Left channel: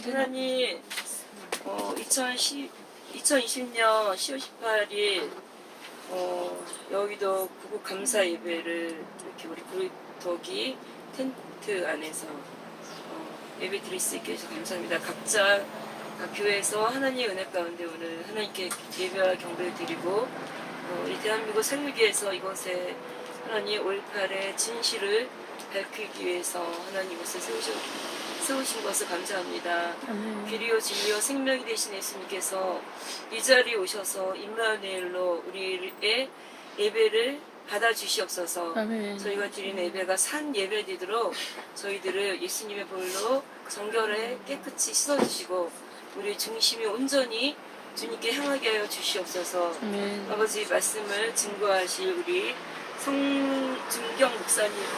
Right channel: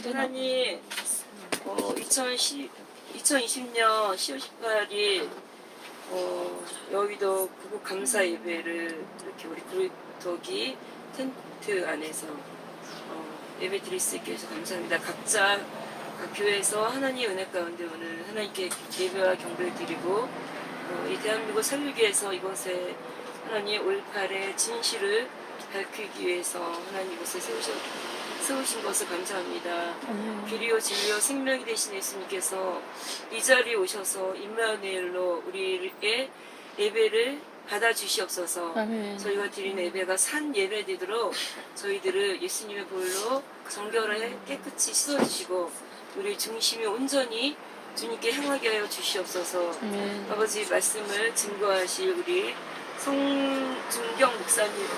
하나님, 2020년 10월 18일 여의도 구국 감사 예배를 이렇게 우리 구덕이 텐트 안에서 예배 드릴 수 있게 해서 감사합니다. 각자 각 교회에서 하나님의 은혜 가운데 오늘 하나님께 예배와 경배를 드리고 이 대한민국 살리기 위해서 이곳에 하나님 5.18의 진실을 밝히기 위해서 하나님 이곳에 세우신 것을 감사합니다. 비리오 진리오 생명이 되신 예수님께서 이 자리에 오셔서 임마누엘로 우리의 예배를 받아주시옵소서. 저희가 드리는 예배가 산 예배 되도록 저희들을 예수님의 볼로 정결하게 깨끗이 씻어주시고 우리 중심이 온전히 주님께 향하게 하여 주시옵소서. 아버지 말씀을 증거하실 우리 성준경 목사님의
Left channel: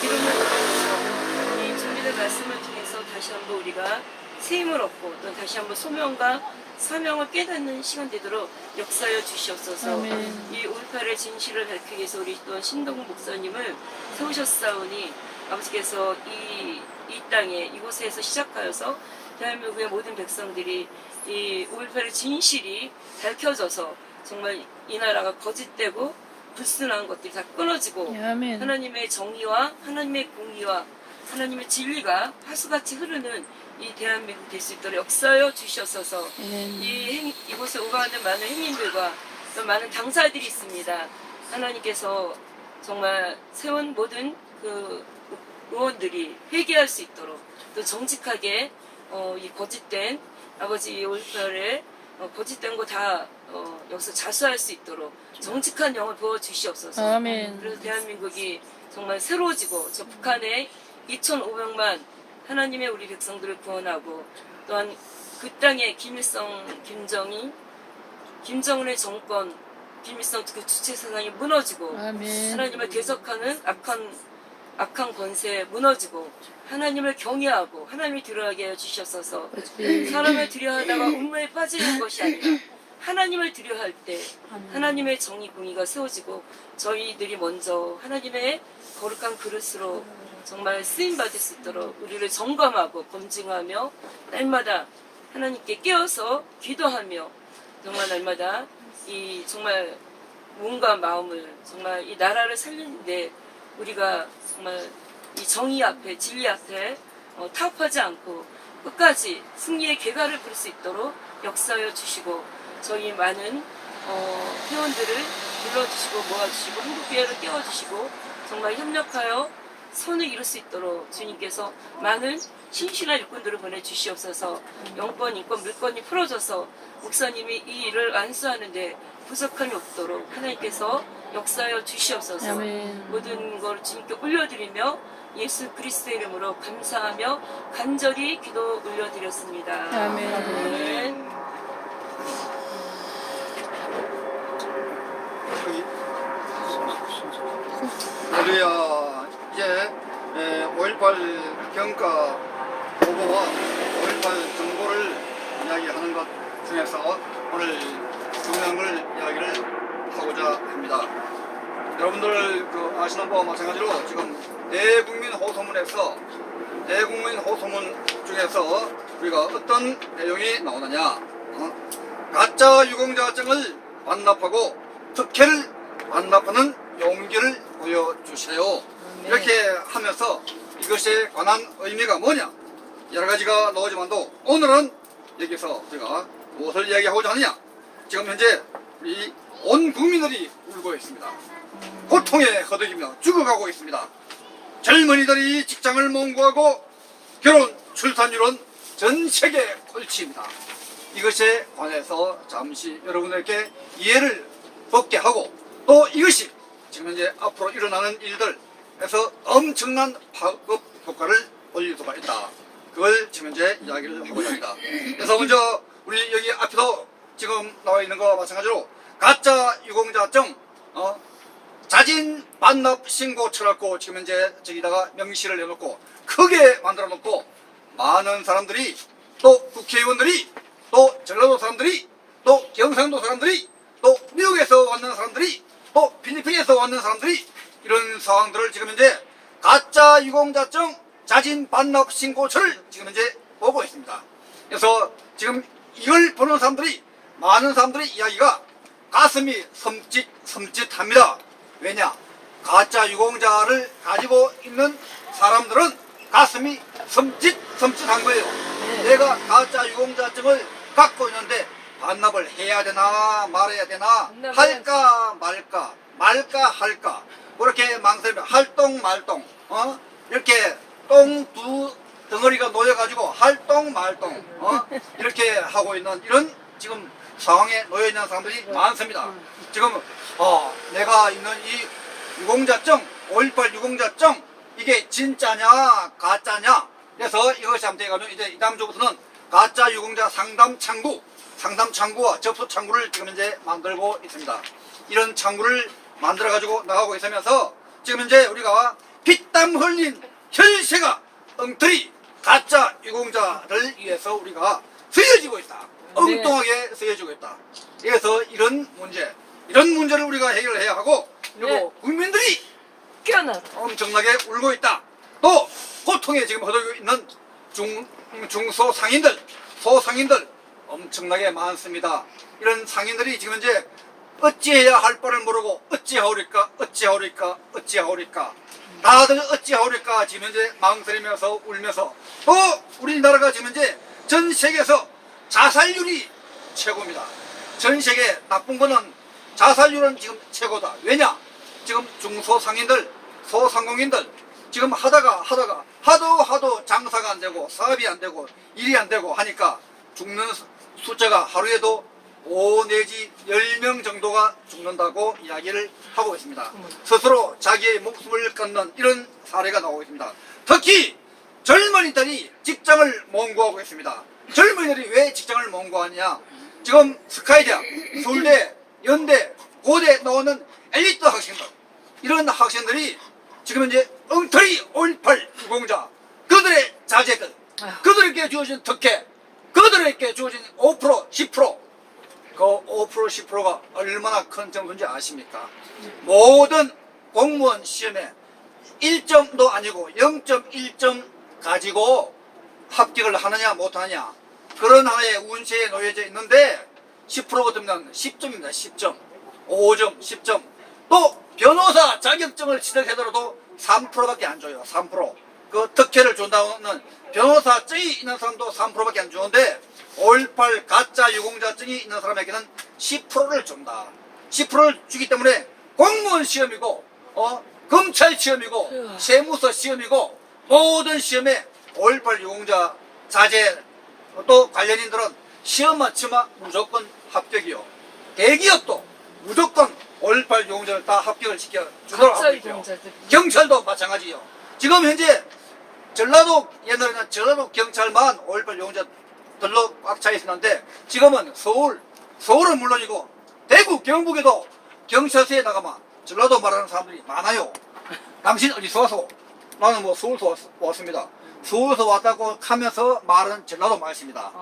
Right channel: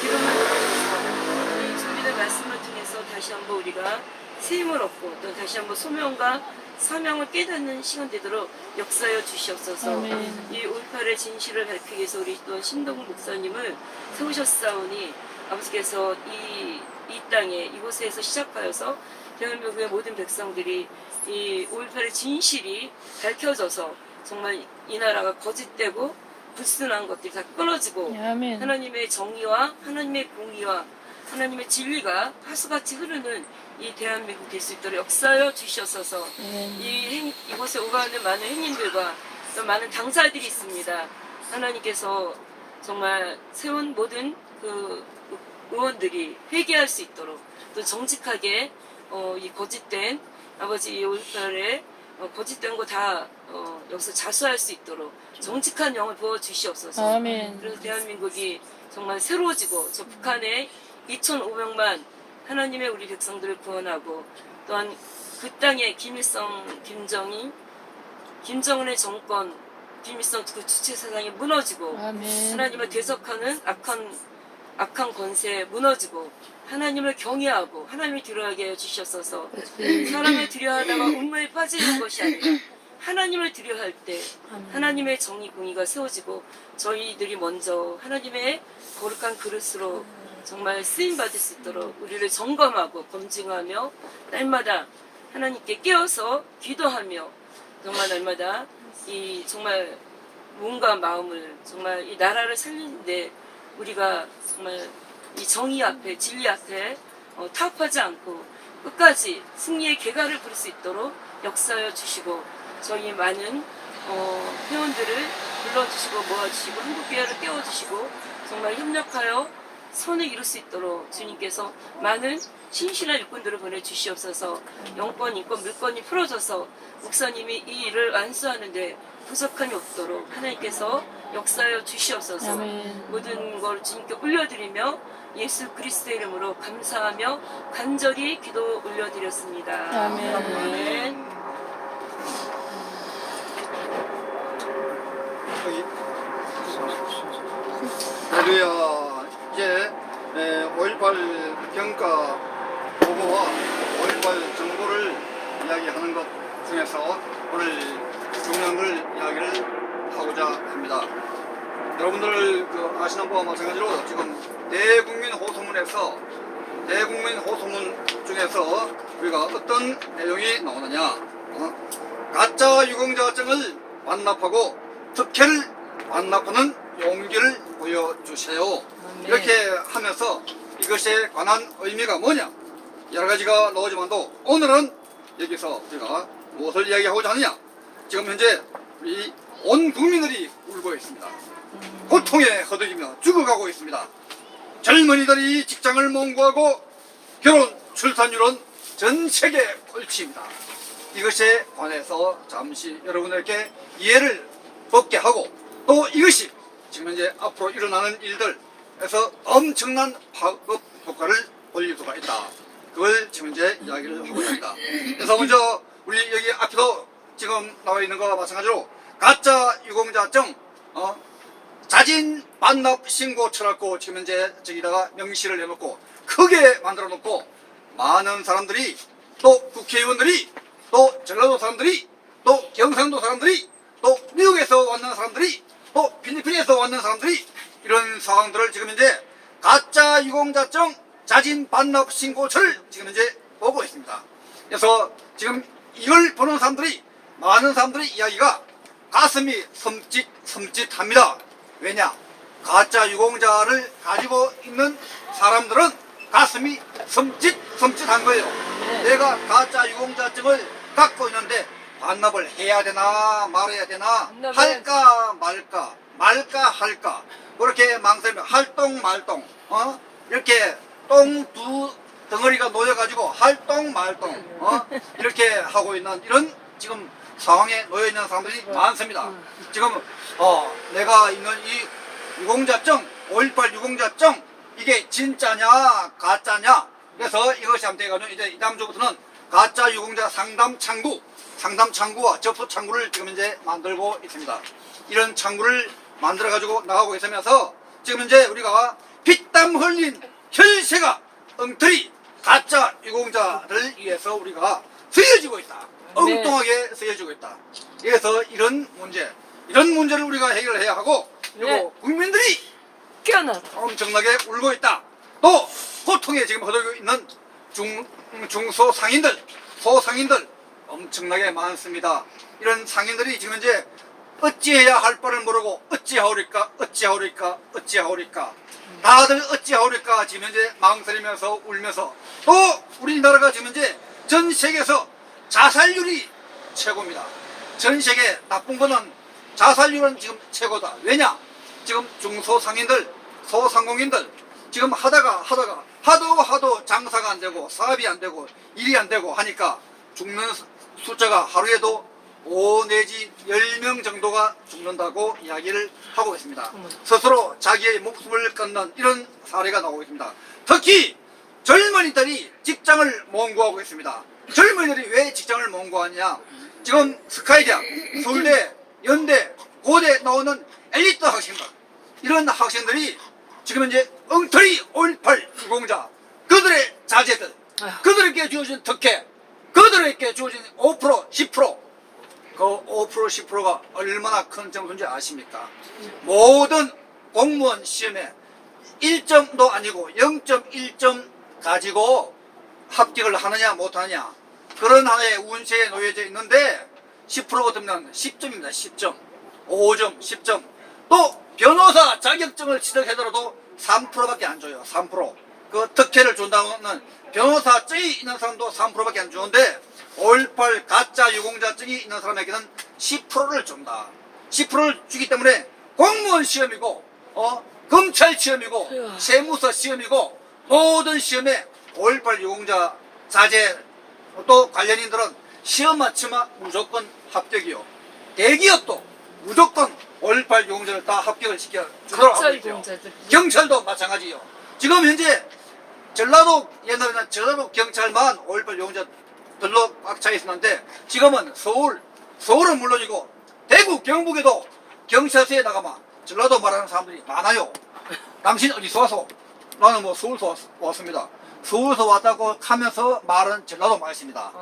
기름을 통해서 이 준비된 말씀을 통해서 다시 한번 우리가 세임을 얻고 또 다시 한번 소명과 사명을 깨닫는 시간 되도록 역사하여 주시옵소서. 이 5.18의 진실을 밝히기 위해서 우리 또 신동훈 목사님을 세우셨사오니 아버지께서 이 땅에 이곳에서 시작하여서 대한민국의 모든 백성들이 이 5.18의 진실이 밝혀져서 정말 이 나라가 거짓되고 불순한 것들이 다 끊어지고 하나님의 정의와 하나님의 공의와 하나님의 진리가 하수같이 흐르는 이 대한민국 될 수 있도록 역사하여 주시옵소서. 이곳에 오가는 많은 행인들과 또 많은 당사들이 있습니다. 하나님께서 정말 세운 모든 그 의원들이 회개할 수 있도록 또 정직하게 이 거짓된 아버지 5.18에 거짓된 거 다 여기서 자수할 수 있도록 정직한 영을 부어주시옵소서. 그래서 대한민국이 정말 새로워지고 저 북한의 2,500만 하나님의 우리 백성들을 구원하고 또한 그 땅에 김일성, 김정은의 정권, 김일성 그 주체 사상이 무너지고 하나님을 대적하는 악한 권세에 무너지고 하나님을 경외하고 하나님을 두려워하게 하여 주셨어서 사람을 두려워하다가 운명에 빠지는 것이 아니라 하나님을 두려워할 때 하나님의 정의 공의가 세워지고 저희들이 먼저 하나님의 거룩한 그릇으로 정말 쓰임받을 수 있도록 우리를 점검하고 검증하며 날마다 하나님께 깨어서 기도하며 정말 날마다 이 정말 몸과 마음을 정말 이 나라를 살리는데 우리가 정말 이 정의 앞에 진리 앞에 타협하지 않고 끝까지 승리의 계가를 부를 수 있도록 역사하여 주시고 저희 많은 회원들을 불러주시고 모아주시고 한국교회를 깨워주시고 정말 협력하여 선을 이룰 수 있도록 주님께서 많은 신실한 일꾼들을 보내주시옵소서. 영권, 인권, 물권이 풀어져서 목사님이 이 일을 완수하는데 부족함이 없도록 하나님께서 역사하여 주시옵소서. 모든 걸 주님께 올려드리며 예수 그리스도의 이름으로 감사하며 간절히 기도 올려드렸습니다. 아멘. 할렐루야. 이제 5.18 경과 보고와 5.18 정보를 이야기하는 것 중에서 오늘 중요한 걸 이야기를 하고자 합니다. 여러분들 아시는 바와 마찬가지로 지금 대국민 호소문에서 대국민 호소문 중에서 우리가 어떤 내용이 나오느냐, 가짜 유공자증을 완납하고 특혜를 완납하는 용기를 보여주세요. 이렇게 하면서 이것에 관한 의미가 뭐냐 여러 가지가 나오지만도 오늘은 여기서 우리가 무엇을 이야기하고자 하느냐, 지금 현재 우리 온 국민들이 울고 있습니다. 고통에 허덕이며 죽어가고 있습니다. 젊은이들이 직장을 몽고하고 결혼 출산율은 전 세계 꼴찌입니다. 이것에 관해서 잠시 여러분에게 이해를 얻게 하고 또 이것이 지금 현재 앞으로 일어나는 일들에서 엄청난 파급 효과를 올릴 수가 있다. 그걸 지금 현재 이야기를 하고자 합니다. 그래서 먼저 우리 여기 앞에도 지금 나와 있는 것과 마찬가지로 가짜 유공자증 자진 반납 신고 쳐놓고 지금 현재 저기다가 명시를 해놓고 크게 만들어 놓고 많은 사람들이 또 국회의원들이 또 전라도 사람들이 또 경상도 사람들이 또 미국에서 왔는 사람들이 또 필리핀에서 왔는 사람들이 이런 상황들을 지금 현재 가짜 유공자증 자진 반납 신고서를 지금 현재 보고 있습니다. 있습니다. 그래서 지금 이걸 보는 사람들이, 많은 사람들이 이야기가 가슴이 섬찟합니다. 왜냐? 가짜 유공자를 가지고 있는 사람들은 가슴이 섬찟한 거예요. 내가 가짜 유공자증을 갖고 있는데 반납을 해야 되나 말아야 되나, 할까 말까 할까, 그렇게 망설이면 할똥 말똥, 이렇게 똥 두 덩어리가 놓여가지고 할똥 말똥, 이렇게 하고 있는 이런 지금 상황에 놓여 있는 사람들이 많습니다. 지금 내가 있는 이 유공자증, 5.18 유공자증, 이게 진짜냐 가짜냐, 그래서 이것이 한번 돼가지고 이제 이 다음 주부터는 가짜 유공자 상담 창구와 접수 창구를 지금 이제 만들고 있습니다. 이런 창구를 만들어 가지고 나가고 있으면서 지금 이제 우리가 피땀 흘린 혈세가 엉터리 가짜 유공자를 위해서 우리가 쓰여지고 있다. 엉뚱하게 쓰여지고 있다. 그래서 이런 문제를 우리가 해결해야 하고, 그리고 국민들이 깨어나. 엄청나게 울고 있다. 또 고통에 지금 허덕이고 있는 중소상인들, 소상인들 엄청나게 많습니다. 이런 상인들이 지금 이제 어찌해야 할 바를 모르고 어찌하오리까 다들 어찌하오리까 지금 이제 망설이면서 울면서, 또 우리나라가 지금 이제 전 세계에서 자살률이 최고입니다. 전 세계 나쁜 거는 자살률은 지금 최고다. 왜냐? 지금 중소상인들, 소상공인들 지금 하다가 하도 장사가 안 되고 사업이 안 되고 일이 안 되고 하니까 죽는 숫자가 하루에도 5 내지 10명 정도가 죽는다고 이야기를 하고 있습니다. 스스로 자기의 목숨을 끊는 이런 사례가 나오고 있습니다. 특히 젊은이들이 직장을 몽구하고 있습니다. 젊은이들이 왜 직장을 몽구하냐? 지금 스카이대학, 서울대, 연대, 고대 나오는 엘리트 학생들, 이런 학생들이 지금 이제 엉터리 5.18 유공자, 그들의 자제들, 그들에게 주어진 특혜, 그들에게 주어진 5%, 10%, 그 5%, 10%가 얼마나 큰 점수인지 아십니까? 모든 공무원 시험에 1점도 아니고 0.1점 가지고 합격을 하느냐 못하느냐, 그런 하나의 운세에 놓여져 있는데 10% 같으면 10점입니다. 10점, 5점, 10점. 또 변호사 자격증을 취득하더라도 3%밖에 안 줘요. 3%. 그 특혜를 준다는 변호사증이 있는 사람도 3%밖에 안 주는데 5.18 가짜 유공자증이 있는 사람에게는 10%를 준다. 10%를 주기 때문에 공무원 시험이고 검찰 시험이고 세무서 시험이고 모든 시험에 5.18 유공자 자제, 또 관련인들은 시험만 치면 무조건 합격이요. 대기업도 무조건 5.18 유공자를 다 합격을 시켜주도록 하고 있죠. 경찰도 마찬가지요. 지금 현재 전라도, 옛날에는 전라도 경찰만 5.18 유공자들로 꽉 차 있었는데 지금은 서울은 물론이고 대구, 경북에도 경찰서에 나가면 전라도 말하는 사람들이 많아요. 당신 어디서 와서? 나는 뭐 서울서 왔습니다. 서울에서 왔다고 하면서 말은 전라도 말씀입니다.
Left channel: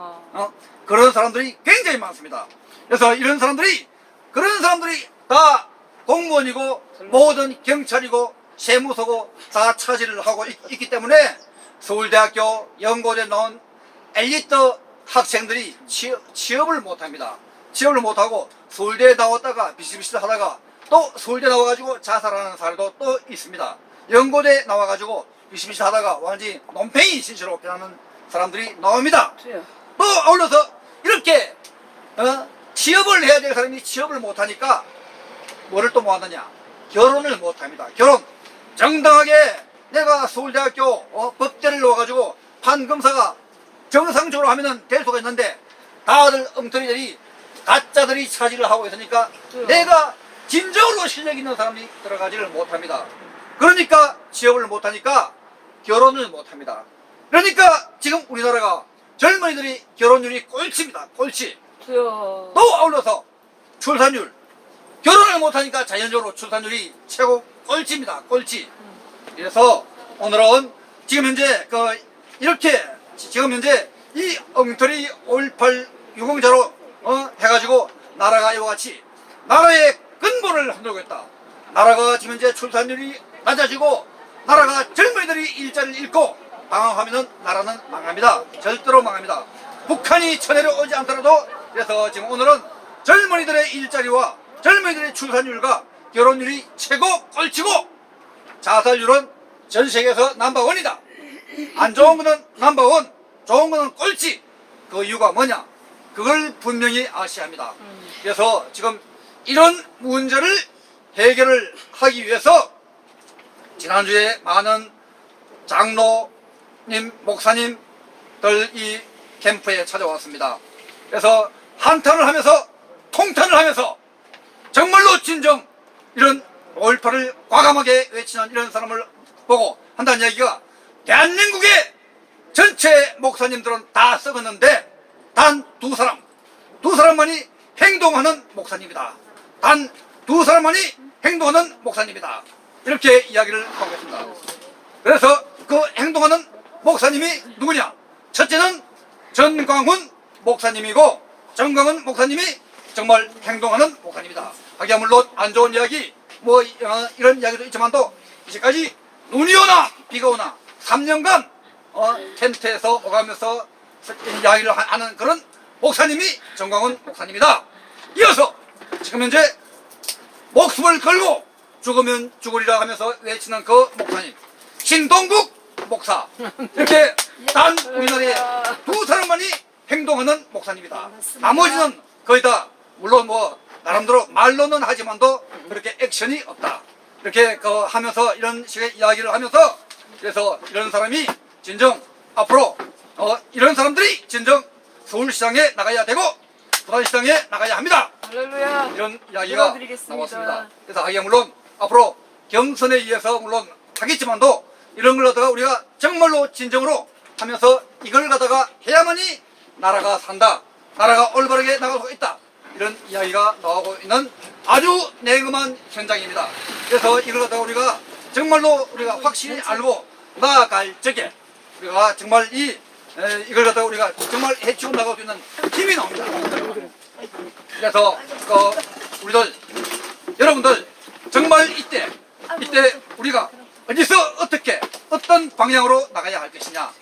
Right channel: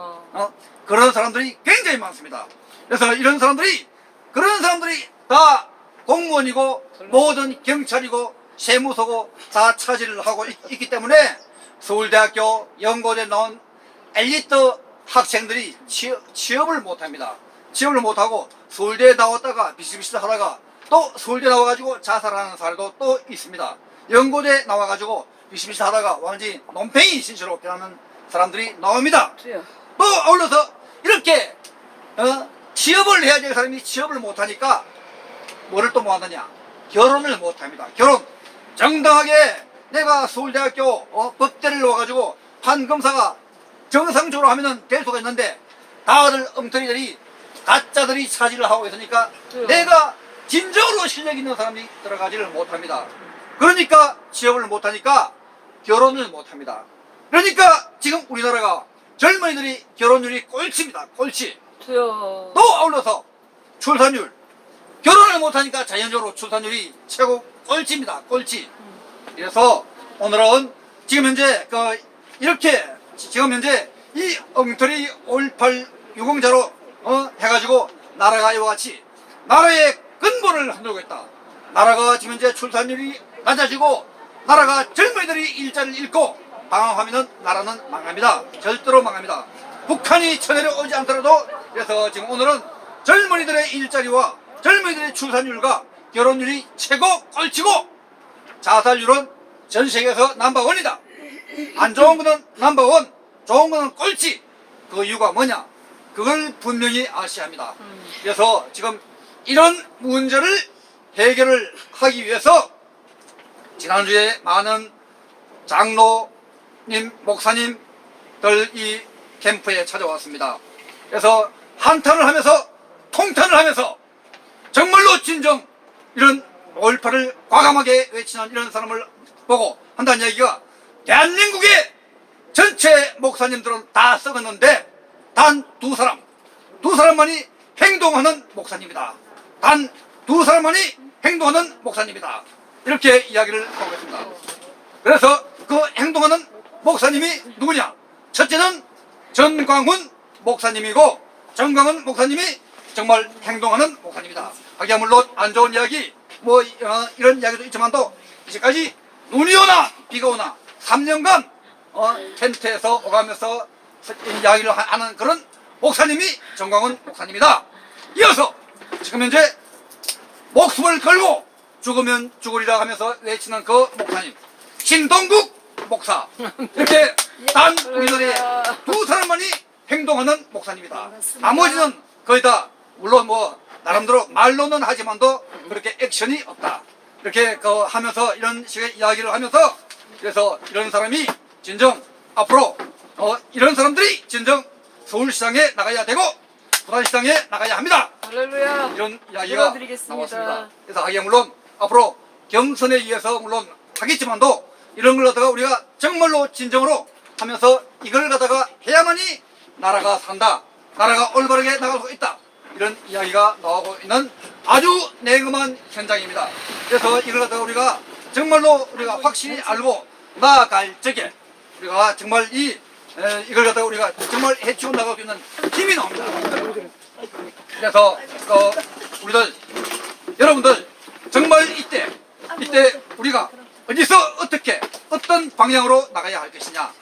그런 사람들이 굉장히 많습니다. 그래서 그런 사람들이 다 공무원이고 모든 경찰이고 세무서고 다 차지를 하고 있기 때문에 서울대학교 연고대 나온 엘리트 학생들이 취업을 못합니다. 취업을 못하고 서울대에 나왔다가 비슷비슷 하다가 또 서울대 나와가지고 자살하는 사례도 또 있습니다. 연고대 나와가지고 비슷비슷 하다가 완전히 논팽이 신세로 변하는 사람들이 나옵니다. 또 아울러서 이렇게 취업을 해야 될 사람이 취업을 못하니까 뭐를 또 못하느냐? 결혼을 못합니다. 결혼 정당하게 내가 서울대학교 법대를 넣어가지고 판검사가 정상적으로 하면은 될 수가 있는데 다들 엉터리들이 가짜들이 차지를 하고 있으니까 내가 진정으로 실력 있는 사람이 들어가지를 못합니다. 그러니까 취업을 못하니까 결혼을 못합니다. 그러니까 지금 우리나라가 젊은이들이 결혼율이 꼴찌입니다. 꼴찌. 또 아울러서 출산율, 결혼을 못하니까 자연적으로 출산율이 최고 꼴찌입니다. 꼴찌. 그래서 오늘은 지금 현재 이렇게 지금 현재 이 엉터리 5.18 유공자로 해가지고 나라가 이와 같이 나라의 근본을 흔들고 있다. 나라가 지금 현재 출산율이 낮아지고 나라가 젊은이들이 일자리를 잃고 방황하면 나라는 망합니다. 절대로 망합니다. 북한이 천혜를 오지 않더라도 그래서 지금 오늘은 젊은이들의 일자리와 젊은이들의 출산율과 결혼율이 최고 꼴찌고 자살률은 전 세계에서 넘버원이다. 안 좋은 거는 넘버원, 좋은 거는 꼴찌. 그 이유가 뭐냐? 그걸 분명히 아셔야 합니다. 그래서 지금 이런 문제를 해결을 하기 위해서 지난주에 많은 장로님, 목사님들 이 캠프에 찾아왔습니다. 그래서 한탄을 하면서 통탄을 하면서 정말로 진정 이런 5.18을 과감하게 외치는 이런 사람을 보고 한다는 얘기가 대한민국의 전체 목사님들은 다 썩었는데 단 두 사람만이 행동하는 목사님이다. 단 두 사람만이 행동하는 목사님이다. 이렇게 이야기를 하고 있습니다. 그래서 그 행동하는 목사님이 누구냐? 첫째는 전광훈 목사님이고 전광훈 목사님이 정말 행동하는 목사님이다. 하기야 물론 안 좋은 이야기 뭐 이런 이야기도 있지만도 이제까지 눈이 오나 비가 오나 3년간 텐트에서 오가면서 이야기를 하는 그런 목사님이 전광훈 목사님이다. 이어서 지금 현재 목숨을 걸고 죽으면 죽으리라 하면서 외치는 그 목사님 신동국 목사. 이렇게 단 우리나라에 두 사람만이 행동하는 목사님이다. 나머지는 거의 다 물론 뭐 나름대로 말로는 하지만도 그렇게 액션이 없다. 이렇게 하면서 이런 식의 이야기를 하면서 그래서 이런 사람이 진정 앞으로 이런 사람들이 진정 서울시장에 나가야 되고 부산시장에 나가야 합니다. 할렐루야. 이런 이야기가 도와드리겠습니다. 나왔습니다. 그래서 하기야 물론 앞으로 경선에 의해서 물론 하겠지만도 이런 걸 갖다가 우리가 정말로 진정으로 하면서 이걸 갖다가 해야만이 나라가 산다. 나라가 올바르게 나갈 수 있다. 이런 이야기가 나오고 있는 아주 냉엄한 현장입니다. 그래서 이걸 갖다가 우리가 정말로 우리가 확실히 알고 나아갈 적에 우리가 정말 이걸 갖다가 우리가 정말 해치고 나갈 수 있는 힘이 나옵니다. 그래서 우리들 여러분들 정말 이때 우리가 어디서 어떻게 어떤 방향으로 나가야 할 것이냐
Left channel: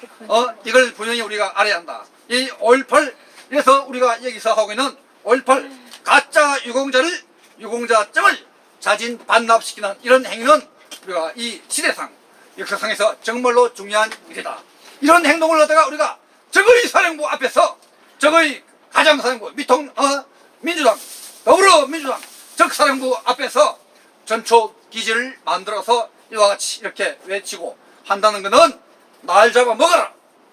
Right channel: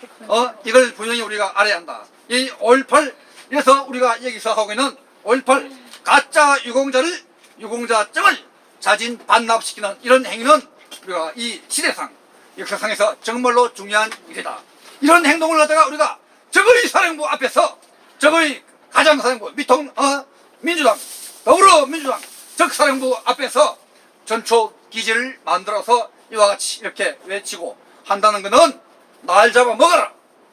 이걸 분명히 우리가 알아야 한다. 이 5.18 이래서 우리가 여기서 하고 있는 5.18 가짜 유공자증을 자진 반납시키는 이런 행위는 우리가 이 시대상 역사상에서 정말로 중요한 일이다. 이런 행동을 하다가 우리가 적의 사령부 앞에서 적의 가장사령부 민주당 더불어민주당 적사령부 앞에서 전초 기지를 만들어서 이와 같이 이렇게 외치고 한다는 것은 날 잡아먹어라.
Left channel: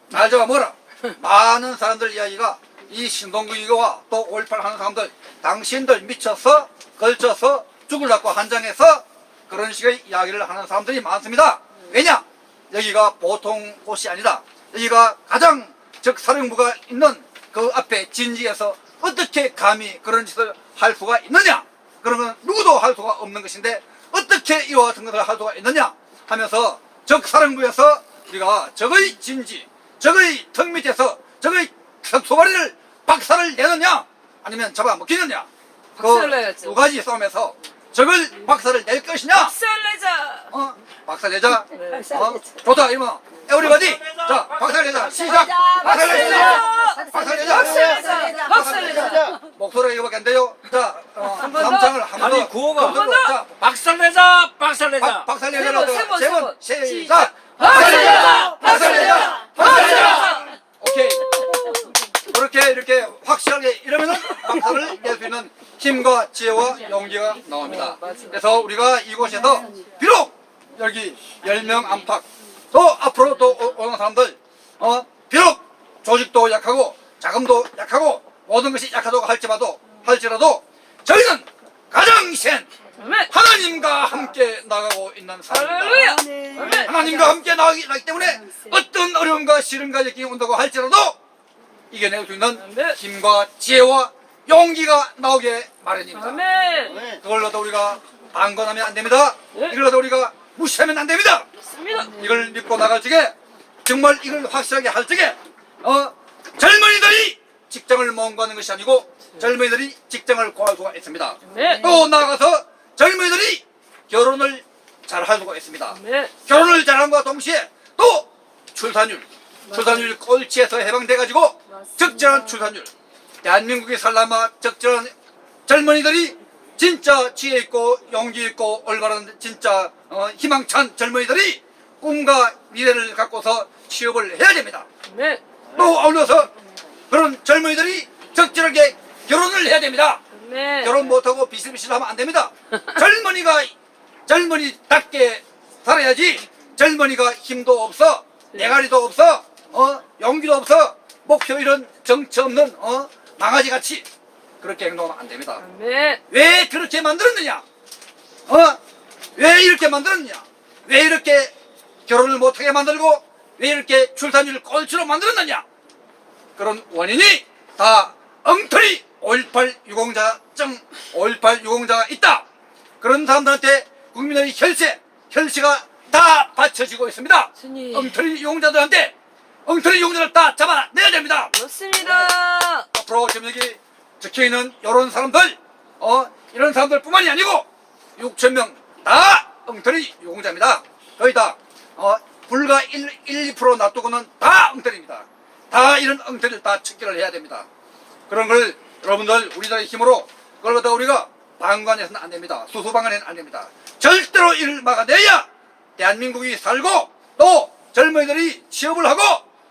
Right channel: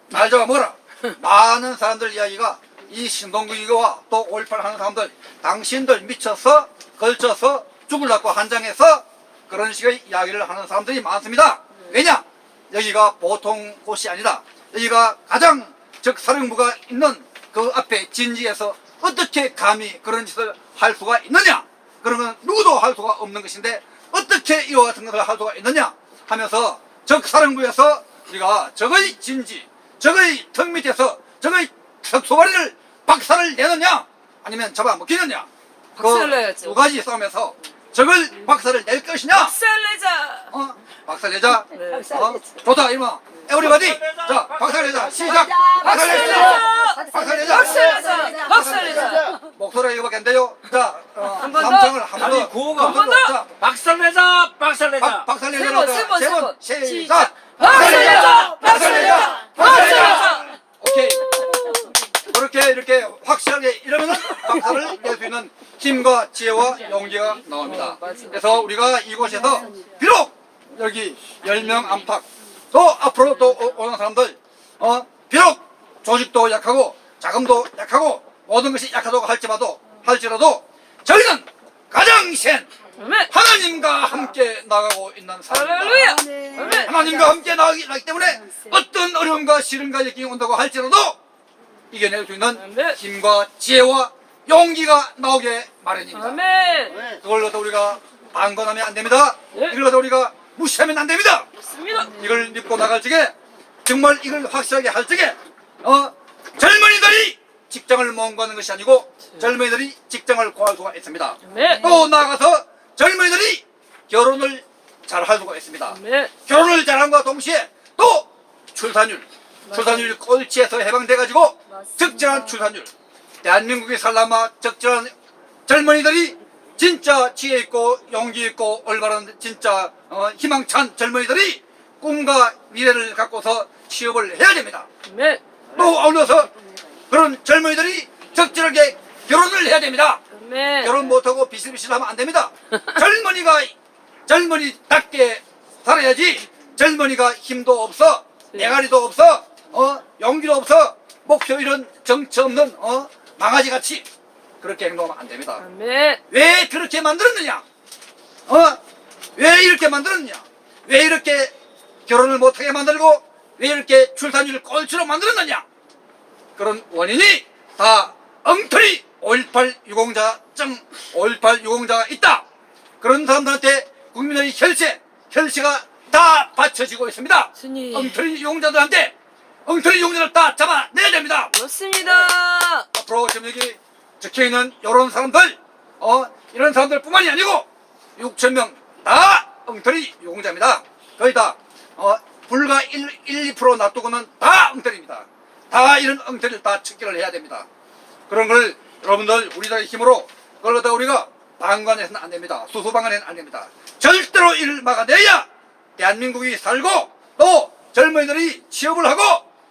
날 잡아먹어라. 많은 사람들 이야기가 이 신동국이와 또 5.18 하는 사람들 당신들 미쳐서 걸쳐서 죽으려고 한장해서 그런 식의 이야기를 하는 사람들이 많습니다. 왜냐? 여기가 보통 곳이 아니다. 여기가 가장 적사령부가 있는 그 앞에 진지에서 어떻게 감히 그런 짓을 할 수가 있느냐? 그런 건 누구도 할 수가 없는 것인데 어떻게 이와 같은 것을 할 수가 있느냐 하면서 적사령부에서 우리가 적의 진지, 적의 턱 밑에서 적의 석소발이를 박살을 내느냐 아니면 잡아먹히느냐 박살을 내야죠. 그 두 가지 싸움에서 적을 박살을 낼 것이냐 박살내자. 박살내자 네. 좋다 이놈아 에브리바디 자 박살내자 시작 박살내자 박살내자 박살내자. 목소리가 이거밖에 안 돼요. 자, 삼창을 한 번 더. 구호가 자, 박살내자 박살내자 박살내자로 세 번, 세 번, 세 번. 시작. 박살내자, 박살내자, 박살내자. 오케이. 그렇게 이렇게 확실하게 이러면은 박살을 낼 수 있는 힘과 지혜와 용기가 나옵니다. 그래서 우리가 이곳에서 비록 여기 10명 안팎 또 앞으로 또 오는 사람들 비록 조직도 약하고 자금도 약하고 모든 것이 약하다고 할지라도 저희는 가장 센 하나님과 함께 나가고 있는 할렐루야. 사람입니다. 하나님과 함께 나가기 때문에 어떤 어려움과 시련과 역경이 온다고 할지라도 이겨낼 수 있는 힘과 지혜와 용기가 나오게 마련입니다. 아멘. 그걸로도 우리가 방관하면 안 됩니다. 이걸로도 우리가 무시하면 안 됩니다. 맞습니다. 이걸 믿고 나갈 적에 정말 이걸 확실하게 할 적에 젊은이들이 직장을 못 가는 것이 아니고 젊은이들이 직장을 구할 수가 있습니다. 네. 또 나아가서 젊은이들이 결혼을 잘 할 수가 있습니다. 네. 결혼을 잘함과 동시에 또 출산율 꼴찌에서 해방돼가지고 적절한 출산율, 대한민국이 살라마 적절한 젊은이들이 진짜 지혜 있고 용기 있고 올바른 진짜 희망찬 젊은이들이 꿈과 미래를 갖고서 취업을 해야 됩니다. 네. 또 아울러서 그런 젊은이들이 적절하게 결혼을 해야 됩니다. 네. 결혼 못하고 비실비실하면 안 됩니다. 젊은이답게 살아야지. 젊은이가 힘도 없어, 내가리도 없어, 용기도 없어, 목표 이런 정치 없는 망아지같이 그렇게 행동하면 안 됩니다. 네. 왜 그렇게 만들었느냐? 왜 이렇게 만들었느냐? 왜 이렇게 결혼을 못하게 만들고 왜 이렇게 출산율 꼴찌로 만들었느냐? 그런 원인이 다 엉터리 5.18 유공자증, 5.18 유공자가 있다. 그런 사람들한테 국민의 혈세가 다 바쳐지고 있습니다. 스님. 엉터리 유공자들한테 엉터리 유공자를 다 잡아내야 됩니다. 좋습니다. 앞으로 지금 여기 적혀있는 이런 사람들, 이런 사람들 뿐만이 아니고 6,000명 다 엉터리 유공자입니다. 거의 다, 불과 1~2% 놔두고는 다 엉터리입니다. 다 이런 엉터리를 다 척결을 해야 됩니다. 그런 걸 여러분들 우리들의 힘으로 그걸 갖다 우리가 방관해서는 안 됩니다. 수수방관해서는 안 됩니다. 절대로 이를 막아내야 대한민국이 살고 또 젊은이들이 취업을 하고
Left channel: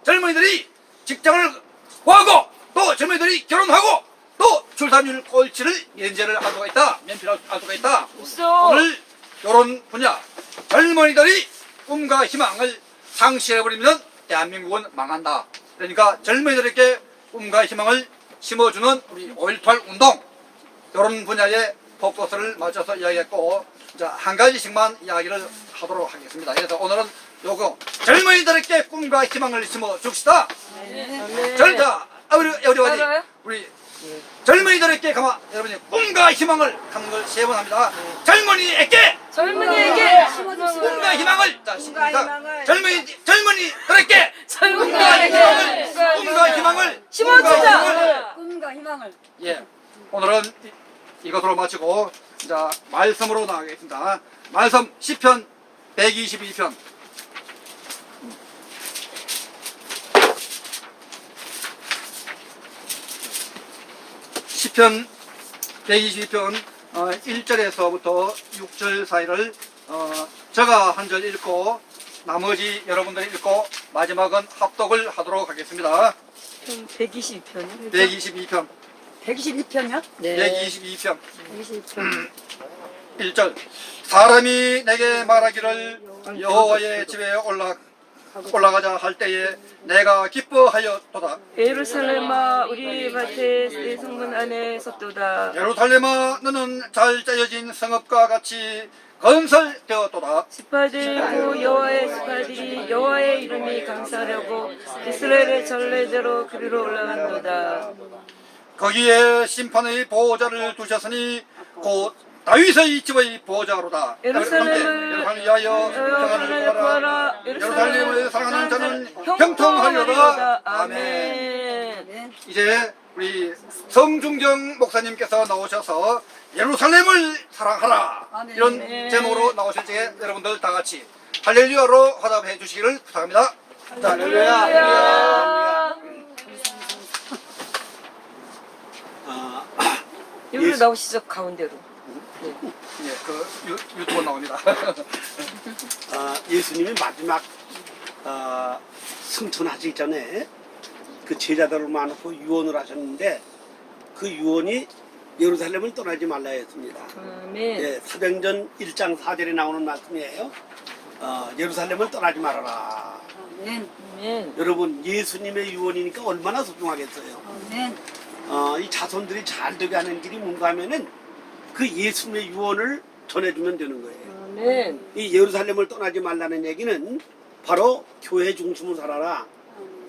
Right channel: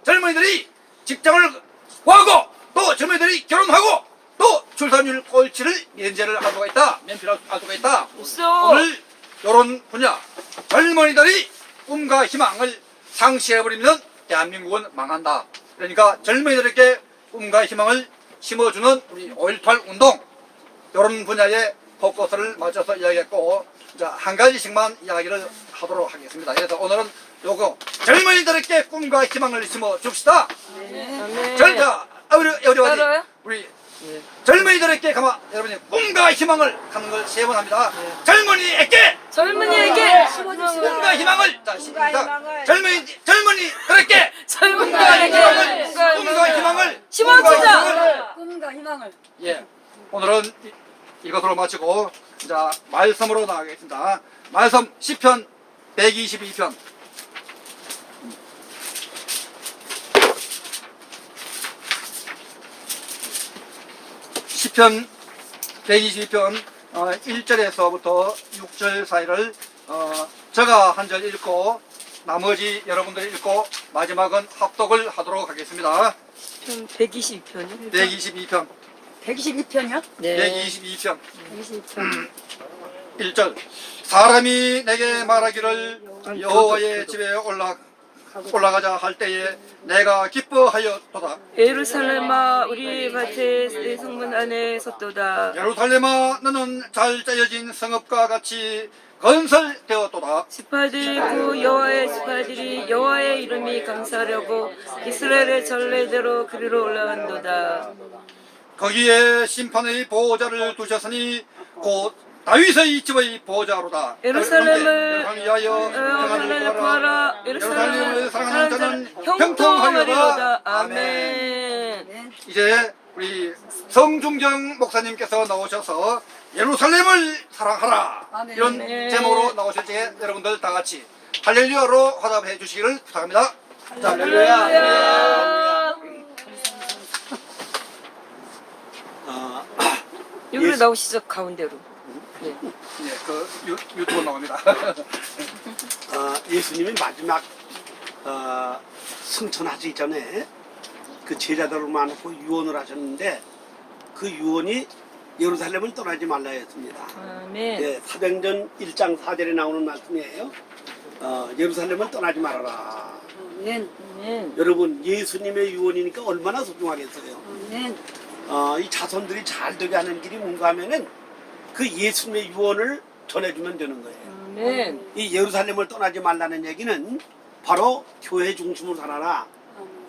젊은이들이 직장을 구하고 또 젊은이들이 결혼하고 또 출산율 꼴찌를 면제를 할 수가 있다. 면피를 할 수가 있다. 있어. 오늘 이런 분야 젊은이들이 꿈과 희망을 상실해버리면 대한민국은 망한다. 그러니까 젊은이들에게 꿈과 희망을 심어주는 우리 5.18 운동 이런 분야에 포커스를 맞춰서 이야기했고 자, 한 가지씩만 이야기를 하도록 하겠습니다. 그래서 오늘은 요거 젊은이들에게 꿈과 희망을 심어줍시다. 네. 자, 우리 알아요? 우리 젊은이들에게 가만 여러분이 꿈과 희망을 하는 걸 세 번 합니다. 젊은이에게 젊은이에게 꿈과 희망을 자 시작. 젊은이들에게 꿈과 희망을 심어주자. 꿈과 희망을. 예, 오늘은 이것으로 마치고 자 말씀으로 나가겠습니다. 말씀 시편 122편. 시편 122편 1절에서부터 6절 사이를 제가 한 절 읽고 나머지 여러분들이 읽고 마지막은 합독을 하도록 하겠습니다. 122편이요? 122편 122편이요? 네. 122편 122편. 1절 사람이 내게 말하기를 여호와의 집에 올라가자 할 때에 내가 기뻐하였도다. 예루살렘아 우리 밭에 내 성문 안에 섰도다. 예루살렘아 너는 잘 짜여진 성읍과 같이 건설되었도다. 스파들 그 여호와의 스파들이 여호와의 이름이 감사하려고 이스라엘의 전례대로 그리로 올라간도다. 거기에 심판의 보호자를 두셨으니 곧 다윗의 집의 보호자로다. 예루살렘을 위하여 평안을 구하라. 예루살렘을 사랑하는 자는 형통하리로다. 아멘. 이제 우리 성중정 목사님께서 나오셔서 예루살렘을 사랑하라 아멘. 이런 제목으로 나오실 적에 여러분들 다 같이 할렐루야로 화답해 주시기를 부탁합니다. 자, 할렐루야. 여기로 나오시죠 가운데로. 예, 그 유튜브 나옵니다. 예수님이 마지막 승천하기 전에 그 제자들을 모아놓고 유언을 하셨는데 그 유언이 예루살렘을 떠나지 말라 했습니다. 아멘. 예, 사도행전 1장 4절에 나오는 말씀이에요. 예루살렘을 떠나지 말아라. 아멘. 아멘. 여러분 예수님의 유언이니까 얼마나 소중하겠어요. 아멘. 이 자손들이 잘 되게 하는 길이 뭔가 하면은 그 예수님의 유언을 전해주면 되는 거예요. 아멘. 이 예루살렘을 떠나지 말라는 얘기는 바로 교회 중심으로 살아라.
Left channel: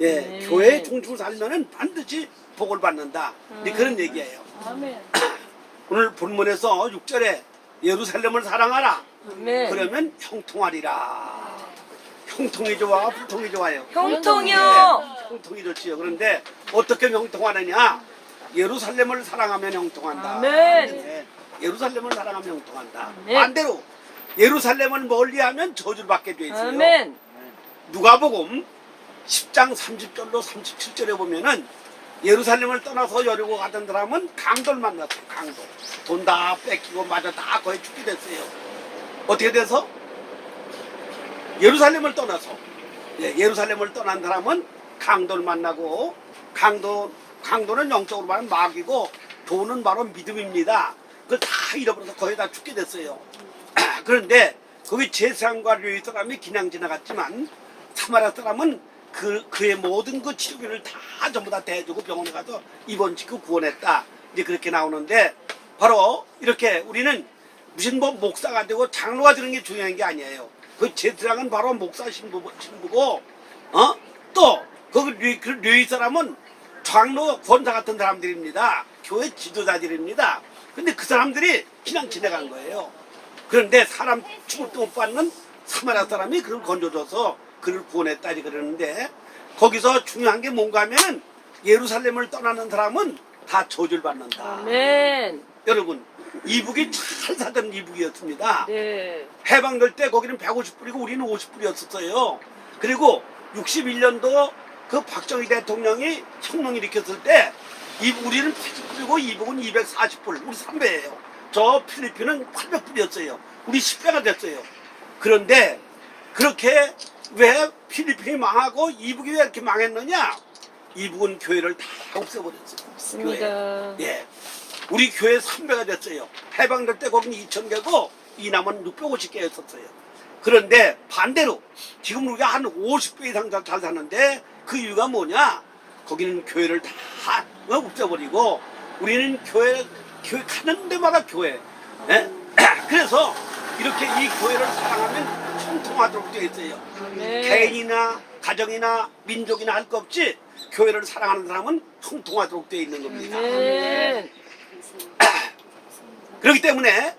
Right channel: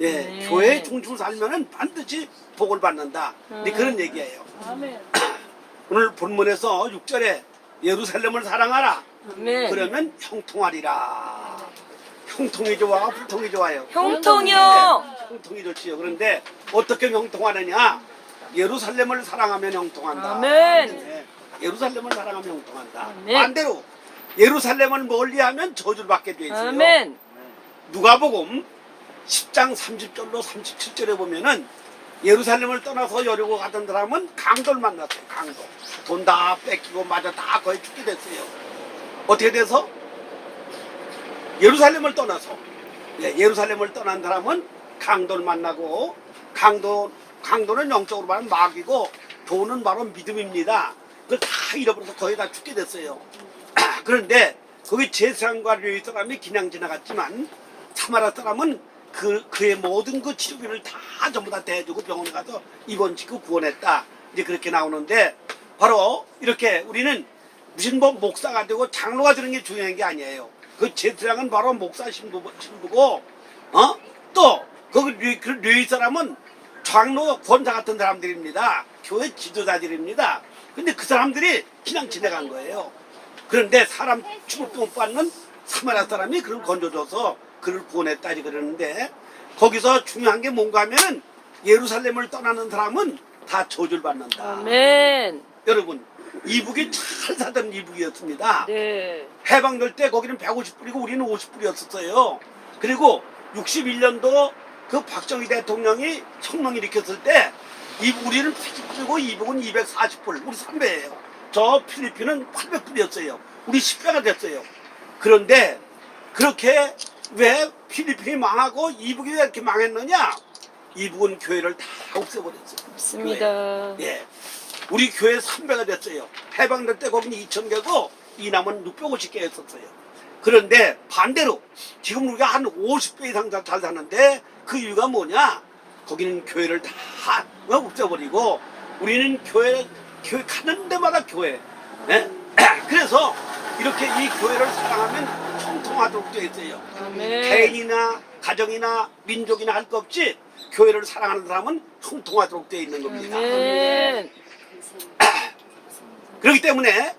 예, 네. 교회 중심으로 살면은 반드시 복을 받는다. 네, 그런 얘기예요. 아멘. 오늘 본문에서 6절에 예루살렘을 사랑하라. 아멘. 그러면 형통하리라. 형통이 좋아, 불통이 좋아요. 형통이요. 네, 형통이 좋지요. 그런데 어떻게 형통하느냐? 예루살렘을 사랑하면 형통한다. 아멘. 네, 예루살렘을 사랑하면 형통한다. 아멘. 반대로 예루살렘을 멀리하면 저주를 받게 돼 있어요. 아멘. 누가복음 10장 30절로 37절에 보면은 예루살렘을 떠나서 여리고 가던 사람은 강도를 만났어요. 강도. 돈 다 뺏기고 맞아 다 거의 죽게 됐어요. 어떻게 돼서? 예루살렘을 떠나서 예루살렘을 떠난 사람은 강도를 만나고 강도는 영적으로 말하면 마귀고 돈은 바로 믿음입니다. 그걸 다 잃어버려서 거의 다 죽게 됐어요. 그런데 거기 제사장과 레위 사람이 그냥 지나갔지만 사마리아 사람은 그의 모든 그 치료비를 다 전부 다 대주고 병원에 가서 입원시키고 구원했다. 이제 그렇게 나오는데 바로 이렇게 우리는 무슨 뭐 목사가 되고 장로가 되는 게 중요한 게 아니에요. 그 제사장은 바로 목사 신부고 또 거기 레위 사람은 장로 권사 같은 사람들입니다. 교회 지도자들입니다. 근데 그 사람들이 그냥 지나간 거예요. 그런데 사람 취급도 못 받는 사마리아 사람이 그를 건져줘서 그를 구원했다 그러는데 거기서 중요한 게 뭔가 하면은 예루살렘을 떠나는 사람은 다 저주를 받는다. 아멘. 여러분 이북이 잘 사던 이북이었습니다. 네. 해방될 때 거기는 150불이고 우리는 50불이었었어요. 그리고 61년도 그 박정희 대통령이 혁명 일으켰을 때 우리는 80불이고 이북은 240불, 우리 3배예요. 저 필리핀은 800불이었어요. 우리 10배가 됐어요. 그런데 그렇게 왜 필리핀이 망하고 이북이 왜 이렇게 망했느냐? 이북은 교회를 다 없애버렸어요. 맞습니다. 교회. 예. 우리 교회 3배가 됐어요. 해방될 때 거기는 2,000개고 이남은 650개였었어요. 그런데 반대로 지금 우리가 한 50배 이상 잘 사는데 그 이유가 뭐냐? 거기는 교회를 다 없애버리고 우리는 교회 가는 데마다 교회. 예? 그래서 이렇게 이 교회를 사랑하면 형통하도록 되어 있어요. 아멘. 개인이나 가정이나 민족이나 할 것 없이 교회를 사랑하는 사람은 형통하도록 되어 있는 겁니다. 아멘. 그렇기 때문에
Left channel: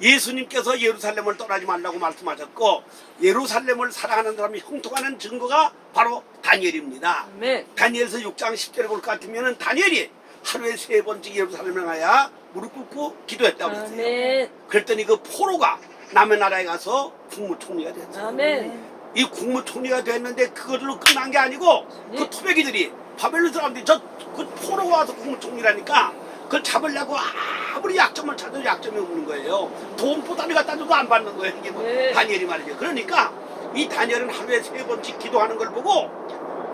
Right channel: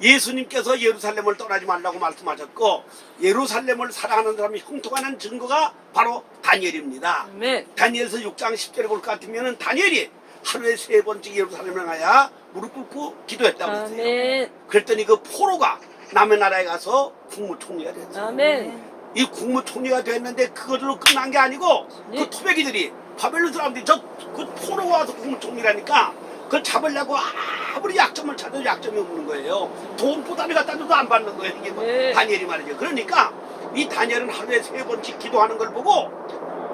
예수님께서 예루살렘을 떠나지 말라고 말씀하셨고 예루살렘을 사랑하는 사람이 형통하는 증거가 바로 다니엘입니다. 아멘. 다니엘서 6장 10절에 볼 것 같으면 다니엘이 하루에 3번씩 예루살렘을 가야 무릎 꿇고 기도했다고 했어요. 아멘. 그랬더니 그 포로가 남의 나라에 가서 국무총리가 됐어요. 아멘. 이 국무총리가 됐는데 그것으로 끝난 게 아니고 네. 그 토백이들이 바벨론 사람들이 그 포로가 와서 국무총리라니까 그걸 잡으려고 아무리 약점을 찾아도 약점이 없는 거예요. 돈 보따리 갖다 줘도 안 받는 거예요. 이게 뭐 네. 다니엘이 말이죠. 그러니까 이 다니엘은 하루에 3번씩 기도하는 걸 보고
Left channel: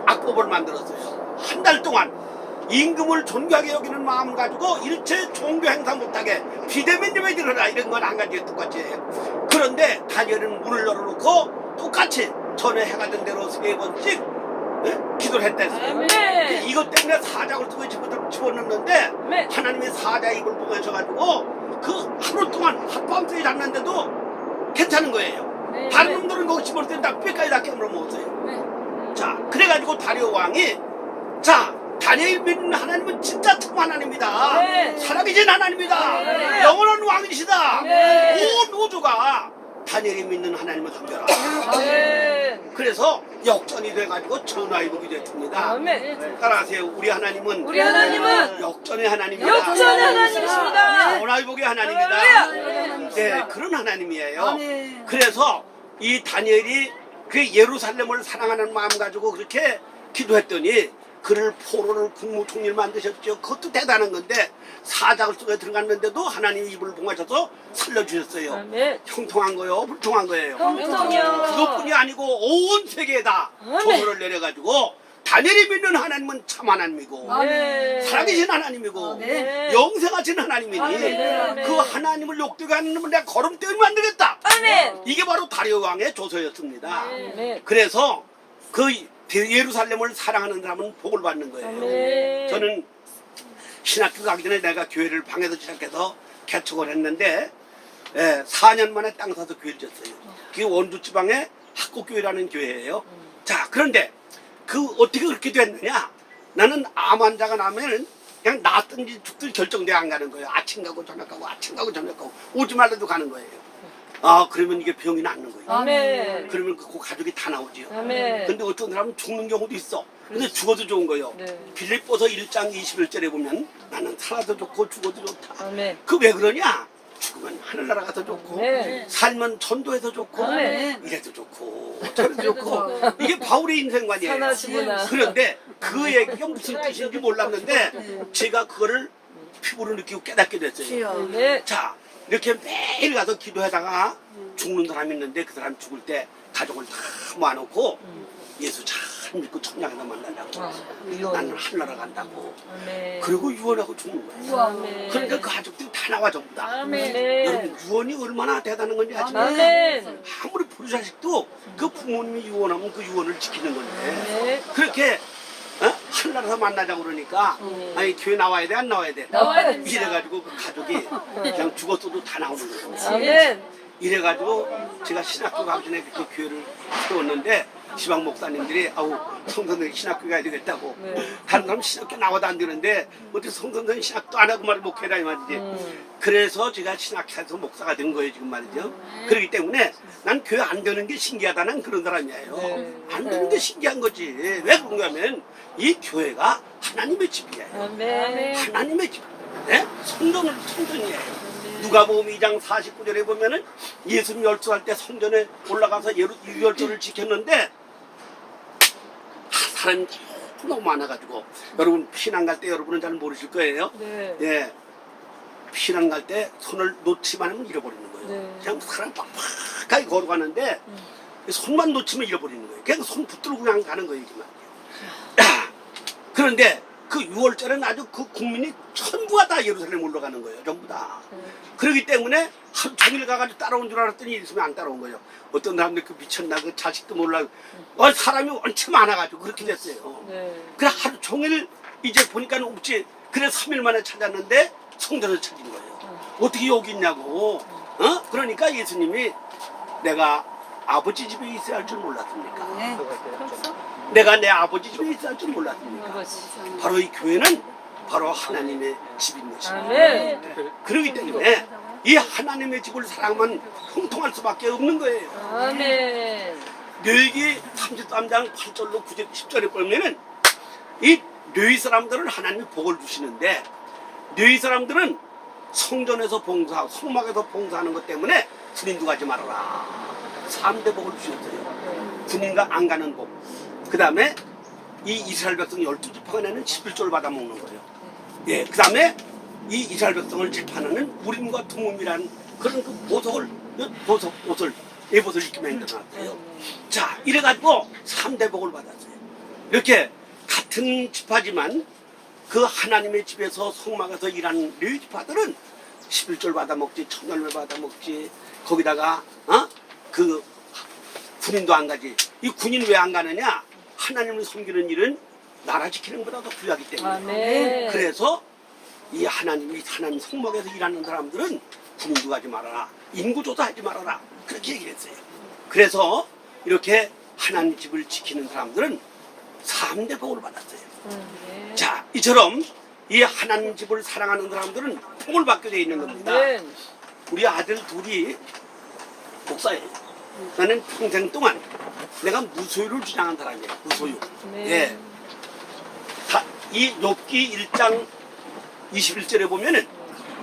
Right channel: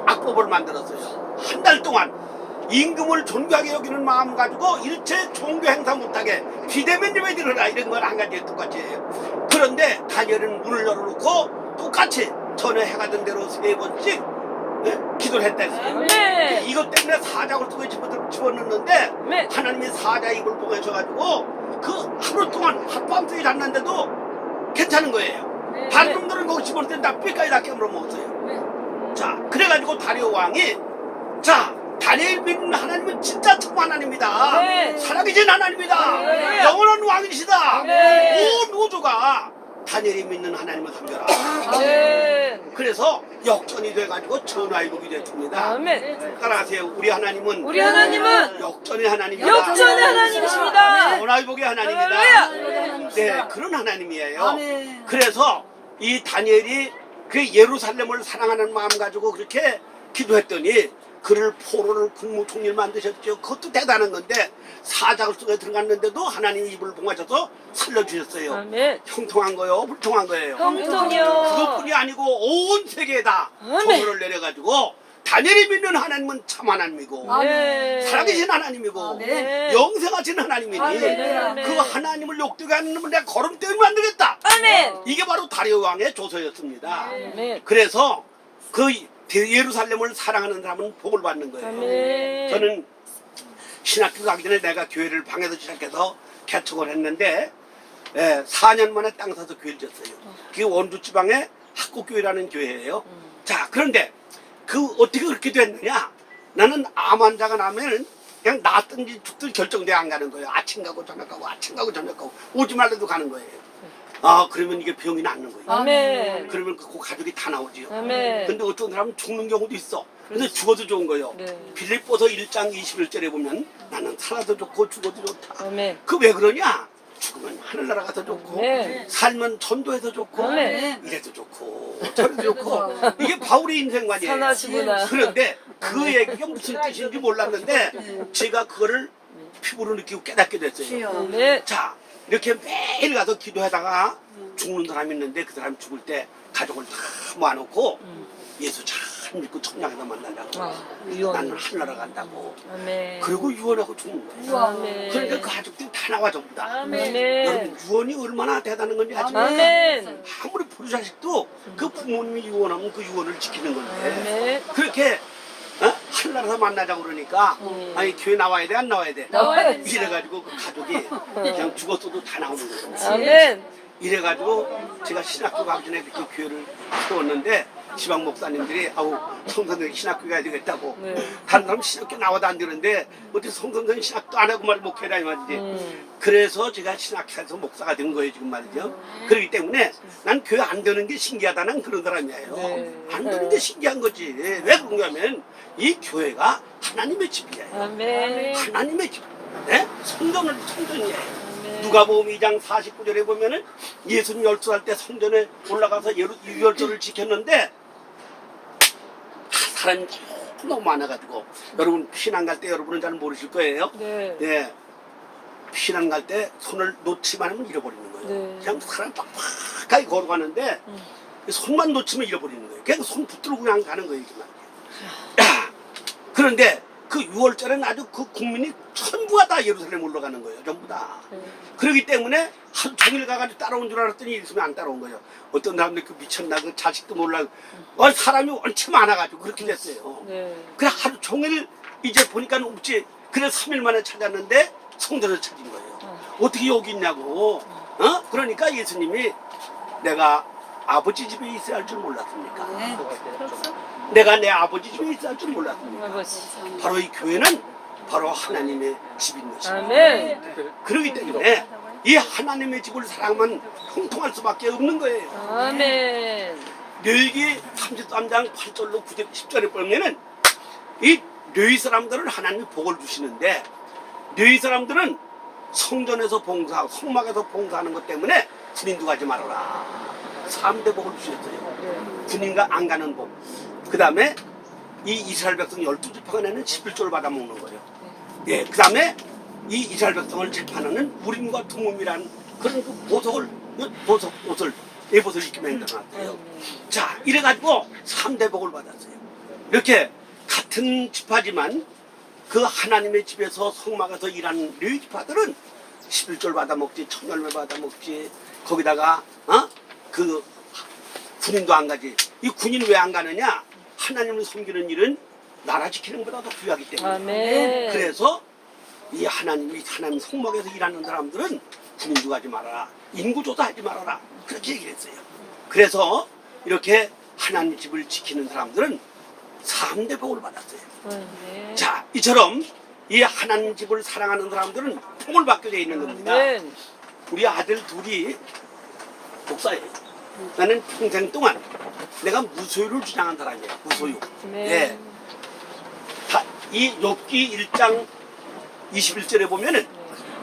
악법을 만들었어요. 한 달 동안 임금을 존귀하게 여기는 마음 가지고 일체 종교 행사 못하게 비대면 예배 드려라 이런 건 한 가지 똑같이 해요. 그런데 다니엘은 문을 열어놓고 똑같이 전에 해가던 대로 3번씩 기도를 했다 했어요. 아멘. 이것 때문에 사자굴 속에 집어넣는데 네. 하나님이 사자 입을 보내셔가지고 그 하루 동안 하룻밤새에 잤는데도 괜찮은 거예요. 네. 다른 놈들은 거기 집어넣을 때다 뼈까지 다 깨물어 먹었어요. 네. 자 그래가지고 다리오 왕이 자 다니엘 믿는 하나님은 진짜 참 하나님이다. 네. 살아계신 하나님이다. 네. 영원한 왕이시다. 네. 온 우주가 다니엘이 믿는 하나님을 섬겨라. 아멘. 그래서 역전이 돼가지고 전화위복이 됐습니다. 아멘. 따라하세요. 우리 하나님은 우리 하나님은 역전의 하나님이다. 역전의 하나님이십니다. 전화위복의 하나님이다. 할렐루야. 네, 그런 하나님이에요. 아멘. 그래서 이 다니엘이 그 예루살렘을 사랑하는 마음 가지고 그렇게 기도했더니 그를 포로를 국무총리를 만드셨죠. 그것도 대단한 건데 사자굴 속에 들어갔는데도 하나님이 입을 봉하셔서 살려주셨어요. 아멘. 형통한 거요, 불통한 거예요. 형통이요. 그것뿐이 아니고 온 세계에다 아멘. 조서를 내려가지고 다니엘이 믿는 하나님은 참 하나님이고 아멘. 살아계신 하나님이고 네. 영생하신 하나님이니 아멘. 그 하나님을 욕되게 하는 놈은 내가 거름떼면 안 되겠다. 아멘. 이게 바로 다리오 왕의 조서였습니다. 아멘. 그래서 그 예루살렘을 사랑하는 사람은 복을 받는 거예요. 아멘. 저는 신학교 가기 전에 내가 교회를 방에서 시작해서 개척을 했는데 4년 만에 땅 사서 교회를 졌어요. 그게 원주 지방의 학곡교회라는 교회예요. 자, 그런데 그 어떻게 그렇게 됐느냐? 나는 암 환자가 나면은 그냥 낫든지 죽든지 결정돼 안 가는 거예요. 아침 가고 저녁 가고 아침 가고 저녁 가고 오지 말래도 가는 거예요. 아, 그러면 이게 병이 낫는 거예요. 아멘. 그러면 그 가족이 다 나오지요. 아멘. 근데 어떤 사람은 죽는 경우도 있어. 근데 죽어도 좋은 거예요. 네. 빌립보서 1장 21절에 보면 나는 살아도 좋고 죽어도 좋다. 아멘. 그 왜 그러냐? 죽으면 하늘나라 가서 좋고 네. 살면 전도해서 좋고 네. 이래도 좋고 저래도 좋고 이게 바울의 인생관이에요. 선하시구나. 그런데 그 얘기가 무슨 뜻인지 몰랐는데 제가 그거를 피부로 느끼고 깨닫게 됐어요. 네. 자, 이렇게 매일 가서 기도하다가 죽는 사람이 있는데 그 사람 죽을 때 가족을 다 모아놓고 예수 잘 믿고 천냥에서 만나려고 나는 하늘나라 간다고 아멘. 그리고 유언하고 죽는 거예요. 아멘. 그러니까 그 가족들이 다 나와 전부 다. 아멘. 여러분 유언이 얼마나 대단한 건지 아십니까? 아멘. 아무리 부르자식도 그 부모님이 유언하면 그 유언을 지키는 건데 아멘. 그렇게 하늘나라에서 만나자고 그러니까 아니 교회 나와야 돼 안 나와야 돼? 나와야 됩니다. 이래가지고 그 가족이 그냥 죽었어도 다 나오는 거죠. 아멘. 이래가지고 제가 신학교 가기 전에 그렇게 교회를 세웠는데 지방 목사님들이 아우 성선생 신학교 가야 되겠다고 네. 다른 사람 신학교 나와도 안 되는데 어떻게 성선생 신학도 안 하고 말을 목회라 이 말이지. 그래서 제가 신학교에서 목사가 된 거예요 지금 말이죠. 그렇기 때문에 난 교회 안 되는 게 신기하다는 그런 사람이에요. 네. 안 되는 게 신기한 거지. 왜 그런가 하면 이 교회가 하나님의 집이에요. 아멘. 하나님의 집. 네? 성전이에요. 누가복음 2장 49절에 보면은 예수님 12살 때 성전에 올라가서 유월절을 지켰는데 사람이 너무 많아가지고 여러분 피난 갈 때 여러분은 잘 모르실 거예요. 네. 예, 피난 갈 때 손을 놓치만 하면 잃어버리는 거예요. 네. 그냥 사람 빡빡하게 걸어가는데 손만 놓치면 잃어버리는 거예요. 그냥 손 붙들고 그냥 가는 거예요. 이게 말이에요. 그런데 그 6월절에는 아주 그 국민이 전부가 다 예루살렘 올라가는 거예요. 전부 다. 그렇기 때문에 하루 종일 가가지고 따라온 줄 알았더니 있으면 안 따라온 거예요. 어떤 사람들 그 미쳤나 그 자식도 몰라. 사람이 원체 많아가지고 그렇게 됐어요. 네. 그래 하루 종일 이제 보니까 없지. 그래 3일 만에 찾았는데 성전을 찾은 거예요. 어떻게 여기 있냐고. 그러니까 예수님이 내가 아버지 집에 있어야 할 줄 몰랐습니까? 내가 내 아버지 집에 있어야 할 줄 몰랐습니까? 아버지. 바로 이 교회는 바로 하나님의 집인 것입니다. 아멘. 그렇기 때문에 이 하나님의 집을 사랑하면 형통할 수밖에 없는 거예요. 아멘. 뇌기 33장 8절로 9절 10절에 보면은 이 뇌이 사람들은 하나님이 복을 주시는데 뇌이 사람들은 성전에서 봉사하고 성막에서 봉사하는 것 때문에 군인도 가지 말아라. 3대 복을 주셨어요. 군인과 안 가는 복. 그 다음에 이 이스라엘 백성 12지파가 내는 11조를 받아먹는 거예요. 예, 그 다음에 이 이스라엘 백성을 재판하는 우림과 tum음이라는 그런 그 옷을 예봇을 입게 만들어놨대요. 자, 이래가지고 3대 복을 받았어요. 이렇게 같은 지파지만 그 하나님의 집에서 성막에서 일하는 레위 지파들은 11조를 받아먹지, 천열매 받아먹지, 거기다가 그 군인도 안 가지. 이 군인 왜 안 가느냐? 하나님을 섬기는 일은 나라 지키는 것보다 더 귀하기 때문에. 아멘. 그래서 이 하나님 성막에서 일하는 사람들은 군인도 가지 말아라. 인구조사하지 말아라. 그렇게 얘기했어요. 그래서 이렇게 하나님 집을 지키는 사람들은 3대 복을 받았어요. 자, 이처럼 이 하나님 집을 사랑하는 사람들은 복을 받게 되어 있는 겁니다. 아멘. 우리 아들 둘이 목사예요. 나는 평생 동안 내가 무소유를 주장한 사람이에요. 무소유. 네. 예. 이 욥기 1장 21절에 보면은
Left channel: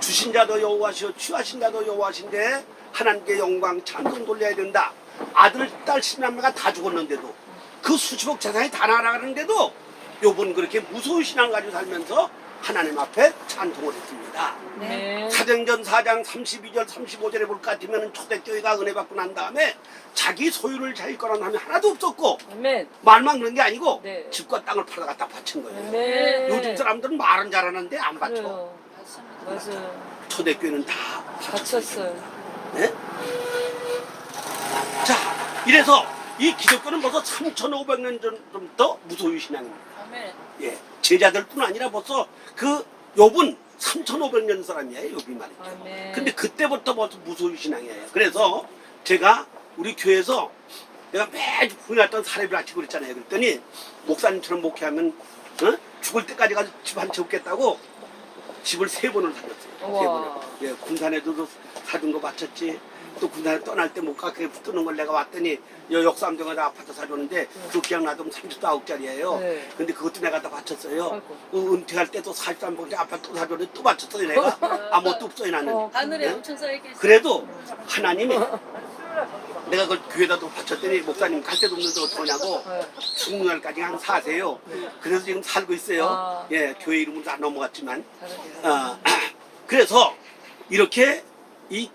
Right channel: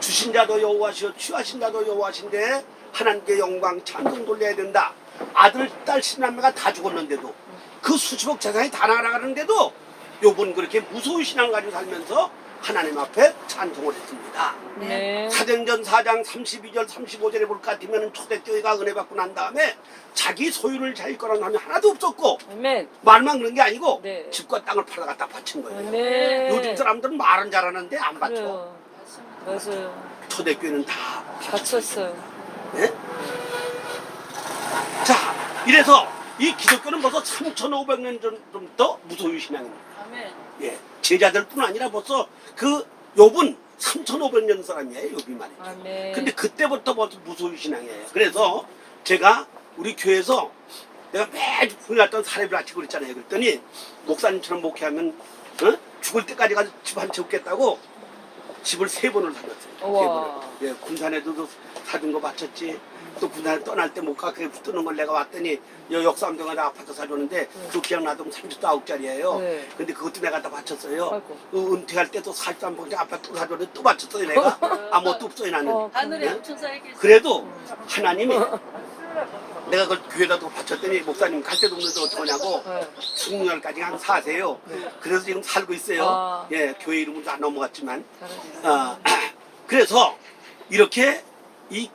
주신 자도 여호와시오 취하신 자도 여호와신데 하나님께 영광 찬송 돌려야 된다. 아들, 딸, 신남매가 다 죽었는데도 그 수십억 재산이 다 날아가는데도 욥은 그렇게 무소유 신앙을 가지고 살면서 하나님 앞에 찬송을 했습니다. 네. 사도행전 4장 32절 35절에 볼 것 같으면 초대교회가 은혜 받고 난 다음에 자기 소유를 자기 거라는 사람이 하나도 없었고 아멘. 말만 그런 게 아니고 네. 집과 땅을 팔아 갖다 바친 거예요. 아멘. 요즘 사람들은 말은 잘하는데 안 바쳐. 그래요. 맞아요. 초대교회는 다 갇혔어요. 네? 자, 이래서 이 기독교는 벌써 3,500년 전부터 무소유 신앙입니다. 예, 제자들뿐 아니라 벌써 그 욥은 3,500년 사람이에요. 욥이 말이죠. 아멘. 근데 그때부터 벌써 무소유 신앙이에요. 그래서 제가 우리 교회에서 내가 매주 부인했던 사례를 아치고 그랬잖아요. 그랬더니 목사님처럼 목회하면 죽을 때까지 가서 집 한 채 없겠다고 집을 3번을 사줬어요. 우와. 3번을. 예, 군산에도 사준 거 바쳤지. 또 군대를 떠날 때 못 가게 붙는 걸 내가 왔더니 여 역삼동에 아파트 사줬는데 그 기억나도 39억짜리예요. 네. 근데 그것도 내가 다 바쳤어요. 아이고. 그 은퇴할 때 또 43억짜리 아파트 또 사줬는데 또 바쳤어요 내가. 아무것도 없어요 나는. 하늘에 네? 엄청 쌓여있겠어. 그래도 하나님이 내가 그걸 교회다 또 바쳤더니 목사님 갈 데도 없는데 어떡하냐고 죽는 날까지 한 사세요. 그래서 지금 살고 있어요. 아. 예, 교회 이름은 안 넘어갔지만. 그래서 이렇게 이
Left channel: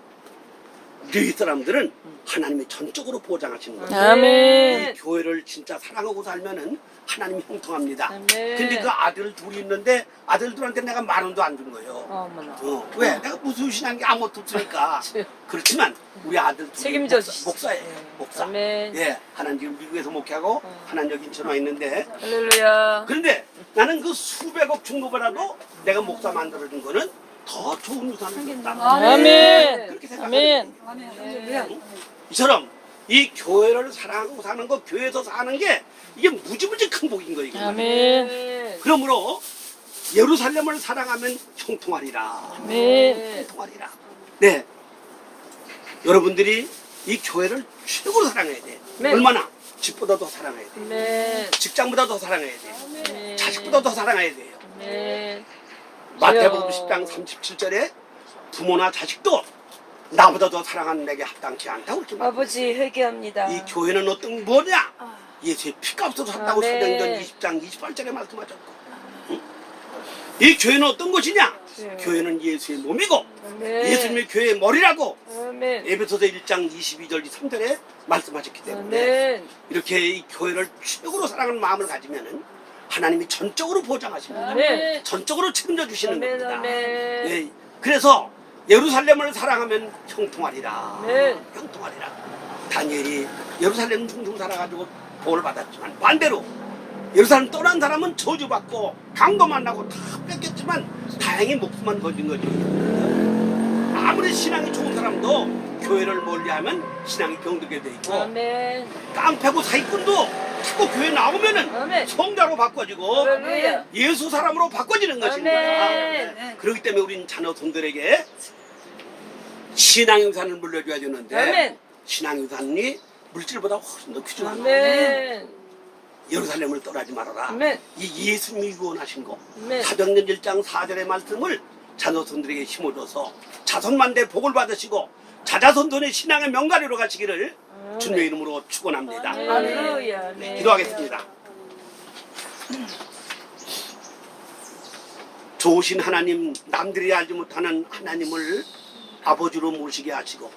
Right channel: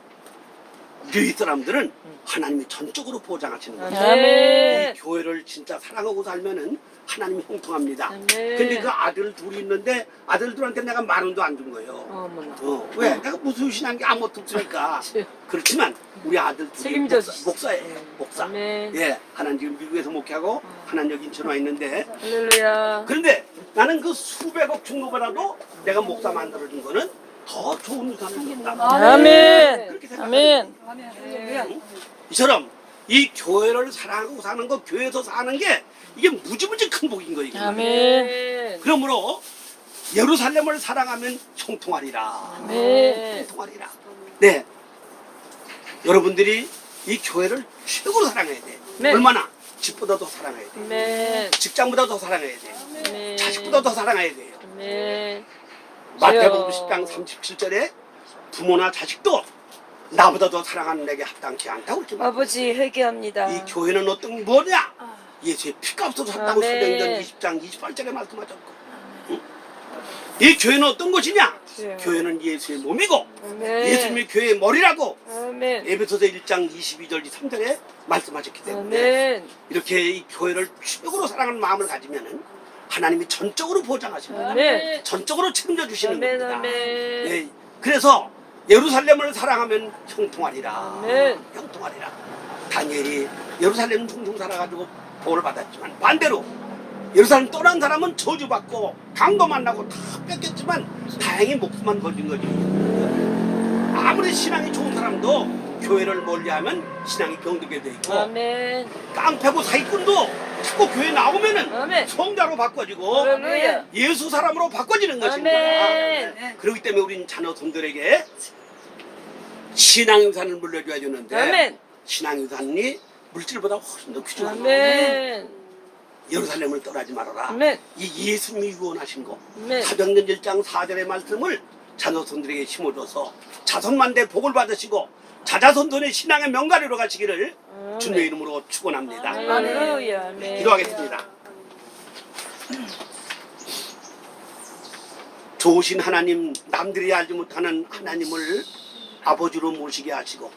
교회 사람들은 하나님이 전적으로 보장하시는 거예요. 아멘. 이 교회를 진짜 사랑하고 살면은 하나님이 형통합니다. 아멘. 근데 그 아들 둘이 있는데 아들들한테 내가 만 원도 안 준 거예요. 어머나. 왜? 내가 무슨 신한 게 아무것도 없으니까. 그렇지만 우리 아들 둘이 책임져 주시죠. 목사예요. 목사. 아멘. 예, 하나는 지금 미국에서 목회하고 하나는 여기 인천 와 있는데 할렐루야. 그런데 나는 그 수백억 중고보다도 내가 목사 만들어준 거는 더 좋은 유산을 줬다. 아멘. 그렇게 생각합니다. 아멘. 이처럼 이 교회를 사랑하고 사는 거, 교회에서 사는 게 이게 무지무지 큰 복인 거예요. 아멘. 그러므로 예루살렘을 사랑하면 형통하리라. 아멘. 형통하리라. 네. 여러분들이 이 교회를 최고로 사랑해야 돼. 네. 얼마나? 집보다 더 사랑해야 돼. 아멘. 직장보다 더 사랑해야 돼. 아멘. 자식보다 더 사랑해야 돼요. 아멘. 마태복음 10장 37절에 부모나 자식도 나보다 더 사랑하는 내게 합당치 않다고 그렇게 말합니다. 아버지 회개합니다. 이 교회는 어떤 뭐냐? 예수의 피값으로 샀다고 아멘. 사도행전 20장 28절에 말씀하셨고, 응? 이 교회는 어떤 것이냐? 네. 교회는 예수의 몸이고 아멘. 예수님이 교회의 머리라고 아멘. 에베소서 1장 22절 3절에 말씀하셨기 때문에 아멘. 이렇게 이 교회를 최고로 사랑하는 마음을 가지면은 하나님이 전적으로 보장하십니다. 아멘. 전적으로 책임져 주시는 아멘. 겁니다. 아멘. 예, 그래서 예루살렘을 사랑하면 형통하리라. 아멘. 형통하리라. 다니엘이 예루살렘 둥둥 살아가지고 복을 받았지만 반대로 예루살렘 떠난 사람은 저주받고 강도 만나고 다 뺏겼지만 다행히 목숨만 건진 거지. 아무리 신앙이 좋은 사람도 교회를 멀리하면 신앙이 병들게 돼 있고 아멘. 깡패고 사기꾼도 자꾸 교회 나오면은 아멘. 성자로 바꿔지고 할렐루야. 예수 사람으로 바꿔지는 것입니다. 아멘. 그렇기 때문에 우리는 자녀손들에게 신앙의 유산을 물려줘야 되는데 아멘. 신앙의 유산이 물질보다 훨씬 더 귀중한 아멘. 예루살렘을 떠나지 말아라. 아멘. 이 예수님이 유언하신 거 아멘. 사도행전 1장 4절의 말씀을 자녀손들에게 심어줘서 자손만대 복을 받으시고 자자손손의 신앙의 명가리로 가시기를 주님의 이름으로 축원합니다. 할렐루야. 네, 아멘. 기도하겠습니다. 좋으신 하나님, 남들이 알지 못하는 하나님을 아버지로 모시게 하시고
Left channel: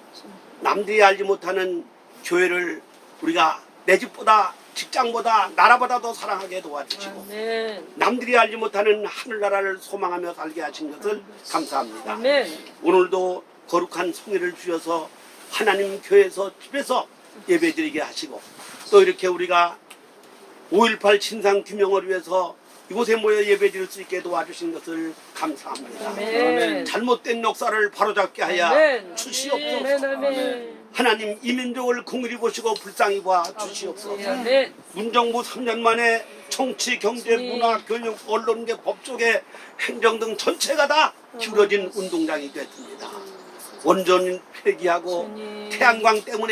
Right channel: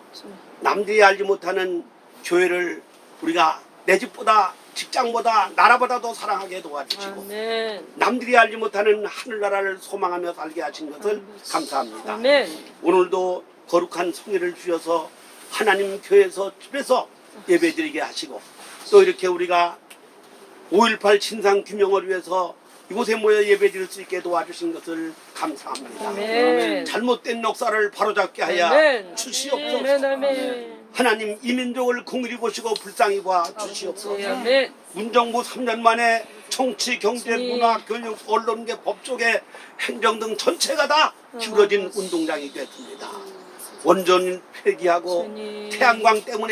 남들이 알지 못하는 교회를 우리가 내 집보다 직장보다 나라보다 더 사랑하게 도와주시고 아멘. 남들이 알지 못하는 하늘나라를 소망하며 살게 하신 것을 감사합니다. 아멘. 오늘도 거룩한 성회를 주셔서 하나님 교회에서 집에서 예배드리게 하시고 또 이렇게 우리가 5.18 진상규명을 위해서 이곳에 모여 예배드릴 수 있게 도와주신 것을 감사합니다. 아멘. 잘못된 역사를 바로잡게 하여 아멘. 주시옵소서. 아멘. 아멘. 하나님 이 민족을 긍휼히 보시고 불쌍히 봐 주시옵소서. 아멘. 문정부 3년 만에 정치, 경제, 주님. 문화, 교육, 언론계, 법조계, 행정 등 전체가 다 기울어진 운동장이 됐습니다. 원전 폐기하고 주님. 태양광 때문에